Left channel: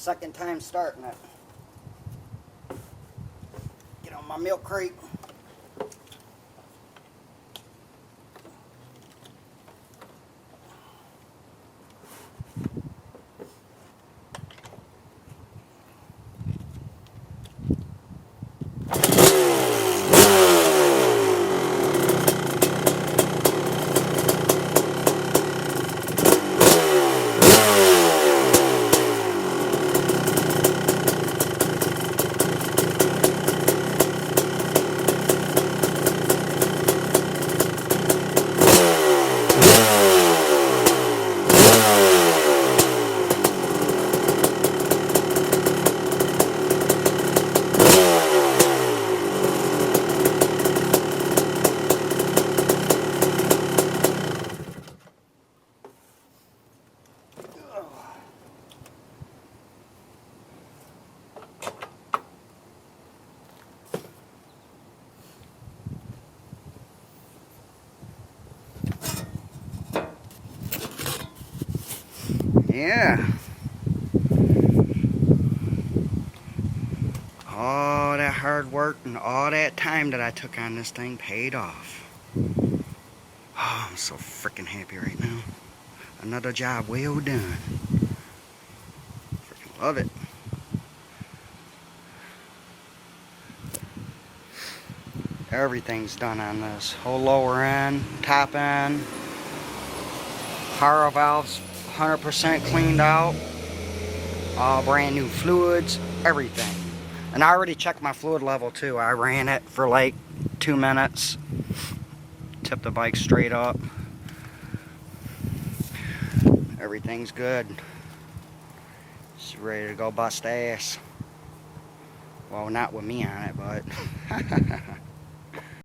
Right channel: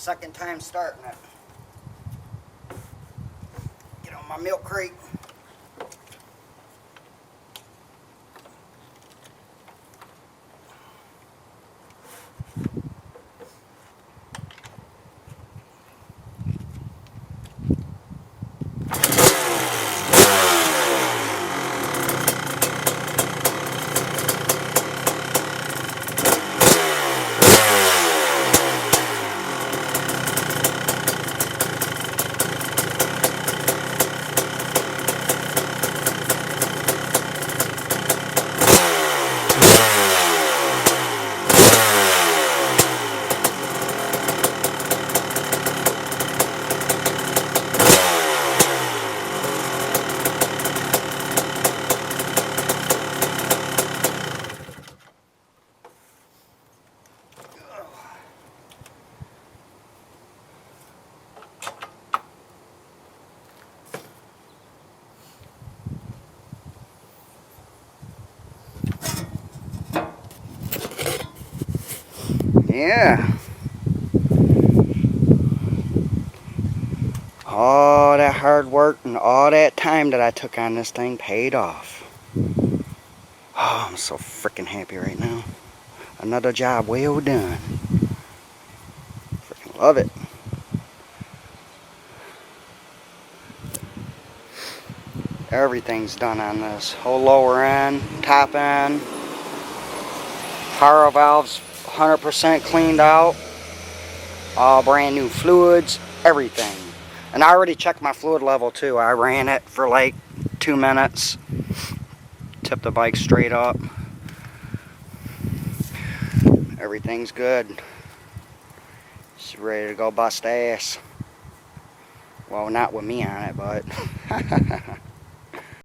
Second time starting it. Get on my milk crate. Yeah. All that hard work and all that time that I took on this thing paid off. Oh, I'm so freaking happy right now. Another job well done. Freaking love it. Everything's done on this. Whole lower end, top end. Power valves 100% cleaned out. All brand new fluids, everything. And I already checked my fluid level too. I ran it for like 2 minutes. Tipped the bike straight up. Everything's good. It's ready to go bust ass. Well, not with me on it, but